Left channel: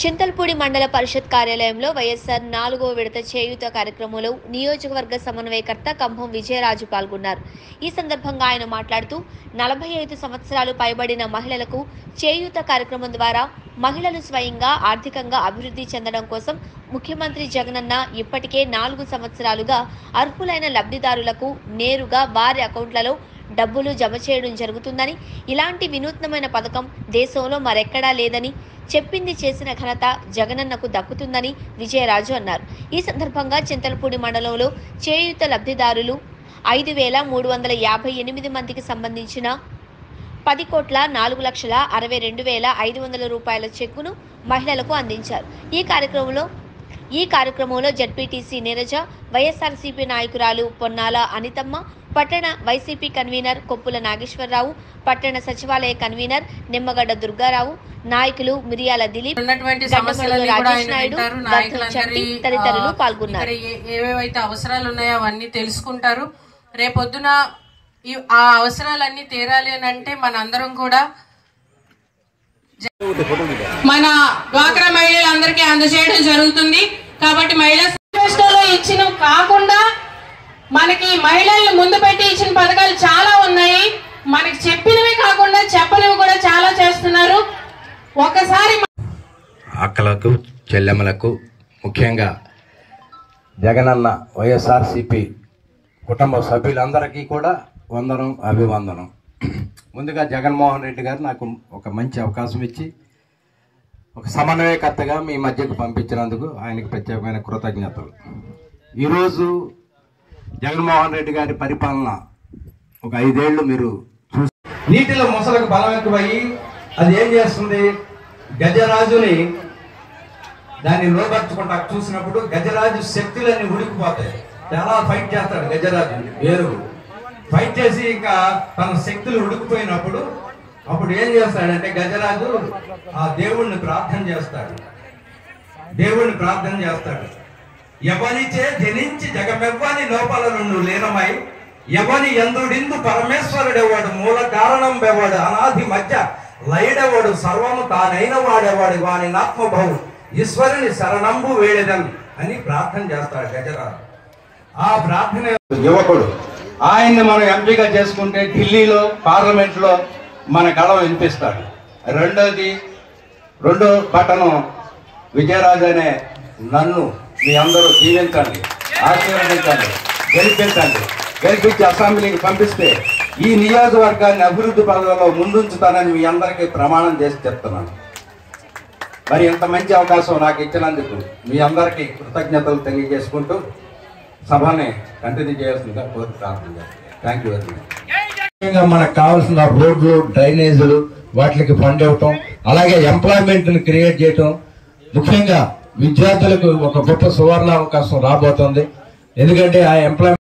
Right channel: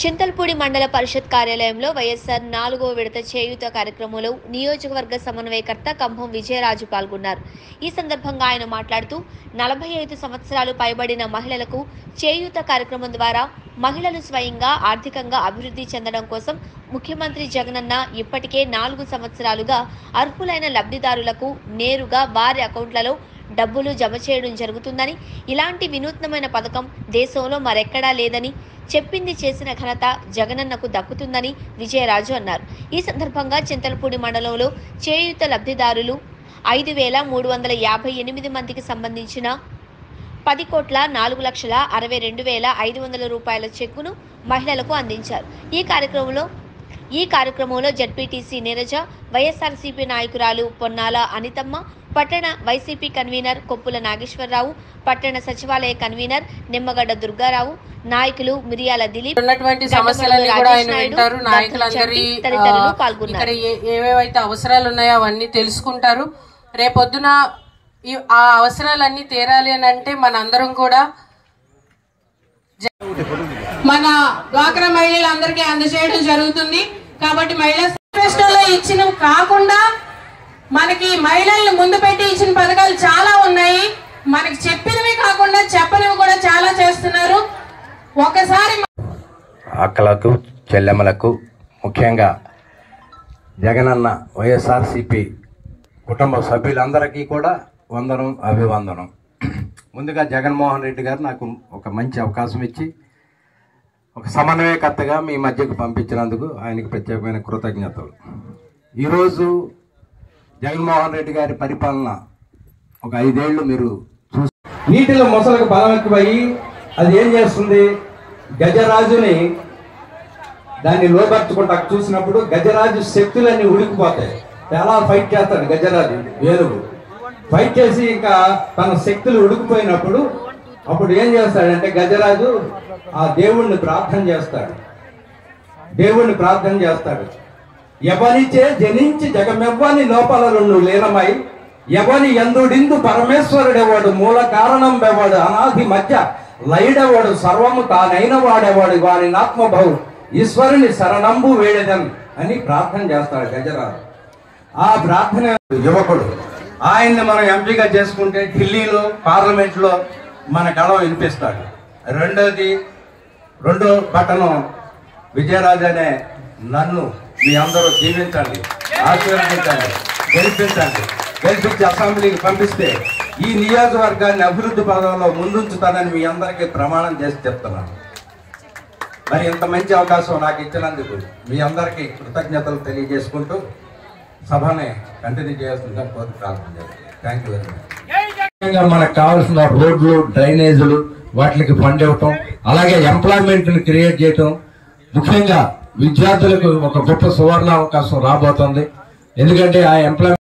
చింతల్పూడి మండల పరిషత్ కార్యాలయంలో వైఎస్ఆర్ 4వ విడత చేయూత కార్యక్రమంలో నియోజకవర్గ సమన్వయకర్త కంభం విజయరాజు పాల్గొన్నారు. ఈ సందర్భంగా ఆయన మాట్లాడుతూ 45 సంవత్సరాలు పైబడిన మహిళలకు చేయూత కార్యక్రమం ద్వారా మహిళలు స్వయంగా ఆర్థికంగా అభివృద్ధి చెందడం కోసం ముఖ్యమంత్రి జగనన్న ఇప్పటికే 4 సంవత్సరాలుగా అర్హులైన లబ్ధిదారులకు నేరుగా వారి అకౌంట్లలో డబ్బులు జమ చేయడం జరుగుతుందని, ఇలాంటి వినూత్నమైన పథకం దేశంలో మరెక్కడా లేదని, చెప్పింది చేసిన ఘనత జగనన్నకు దక్కుతుందని విజయరాజు అన్నారు. ఈ సందర్భంగా చింతల్పూడి మండలంలో చేయూత లబ్ధిదారులు 5,358 మందికి సంబంధించిన 10,04,62,500 రూపాయల చెక్కును మహిళలకు అందించారు. ఈ కార్యక్రమంలో జడ్పీటీసీ నీరజ, వైఎస్ఆర్సీపీ నాయకురాలు పొన్నాల అనితమ్మ, పట్టణ వైసీపీ కన్వీనర్ కొప్పుల నాగేశ్వరరావు, పట్టణ సచివాలయ కన్వీనర్ నిమ్మగడ్డ దుర్గారావు, నాయకులు మిరియాల దిలీప్, రాజేష్ నాయుడు, తదితరులు పాల్గొన్నారు. ఏవేవైతే అవసరాలు ఉన్నాయో అవన్నీ తెలుసుకుంటారు. రేపొద్దున ఆ అవసరాలన్నీ తీరాలి అని అంటే మనందరం కూడా మన డ్వాక్రా మహిళలందరికీ అందజేయడం జరుగుతుంది. కాబట్టి మహిళా మేనిఫెస్టోలో ఇచ్చినవి కాకుండా మనకి మహిళల్ని ముందు పెట్టి ఇచ్చిన పథకాలు చాలా ఉన్నాయి. మనకి చెప్పినవి కాకుండా చెప్పనివి కూడా చాలా చేస్తున్నారు. ఒకసారి అక్కలకు, చెల్లెమ్మలకు, ముఖ్యంగా జగనన్న వైఎస్ఆర్సీపీ కుటుంబ సభ్యులందరికీ కూడా వందనం, అభివందనం. ముందుగా జగన్మోహన్ రెడ్డి గారు నాకు ఒక మంచి అవకాశం ఇచ్చి ఒక సమన్వయకర్తగా మీ మధ్యకు పంపించినందుకు ఆయనకి ప్రత్యేకమైన కృతజ్ఞతలు. ఈరోజు జగన్మోహన్ రెడ్డి గారి పరిపాలన ఒక 5 ఏళ్లు మీరు చూసి నీటిలో మొసలకు బలం ఎక్కువయ్యి అది ఏం చేస్తుంది, గజరాజుని దాన్ని లోబర్చుకుంటా చూసినప్పుడు గజరాజు శక్తులన్నీ ఉడికిపోతాయి. చాలా ఫైట్ చేస్తాడు గజరాజు, ఏనుగు ఫైట్ చేసి ఇంకా తన శక్తులు ఉడికిపోయినప్పుడు అప్పుడు ఏం చేస్తాడంటే గజరాజు ఆ దేవుణ్ణి ప్రార్థన చేస్తాడు. ఎవరిచే జనించి జగమెవ్వని లోపలను లీనమై ఎవరి ఎందుడిందు పరమేశ్వరుడేవాడు మూల కారణం బెవాడు అనాది మధ్య లయుడేవాడు సర్వము తానైన వాడేవాడు వాని ఆత్మభావు ఈశ్వరుని శరణంబు వేడెదన్ అని ప్రార్థన చేస్తాడు గజరాజు. ఆ ప్రార్థన యువకుడు ఆయన్ని మనం ఎంపిక చేసుకుంటే ఢిల్లీలో పార్లమెంట్లో మన గళం వినిపిస్తాడు. రెండో బటను విజయరాజు అనే నన్ను మీ అందరూ జీవించండి, ఆశీర్వదించండి, గెలిపించి అసెంబ్లీకి పంపిస్తే ఈ నియోజకవర్గాన్ని అభివృద్ధి పదవుల్లో ముందుంచుతానని మీ అందరికీ ప్రమాణం చేసి చెప్తున్నాను. మరి ఇంత మంచి అవకాశం నాకు ఇచ్చినందుకు మీ అందరికీ కృతజ్ఞతలు తెలియజేసుకుంటూ సభని కంటిన్యూ చేయాల్సిందిగా కోరి ప్రార్థన చేస్తాను. Thank you very much. మనకు కావాల్సిన రోడ్లు, డ్రైనేజీలు వాటికి ఫండ్ ఇవ్వటం, అలాగే ఎంప్లాయ్మెంట్ ని క్రియేట్ చేయటం, ముఖ్యంగా విద్యార్థులకు ఒక గొప్ప సువర్ణ అవకాశం రాబోతుంది. ఎందుకంటే ఆ ఎంప్లాయ్మెంట్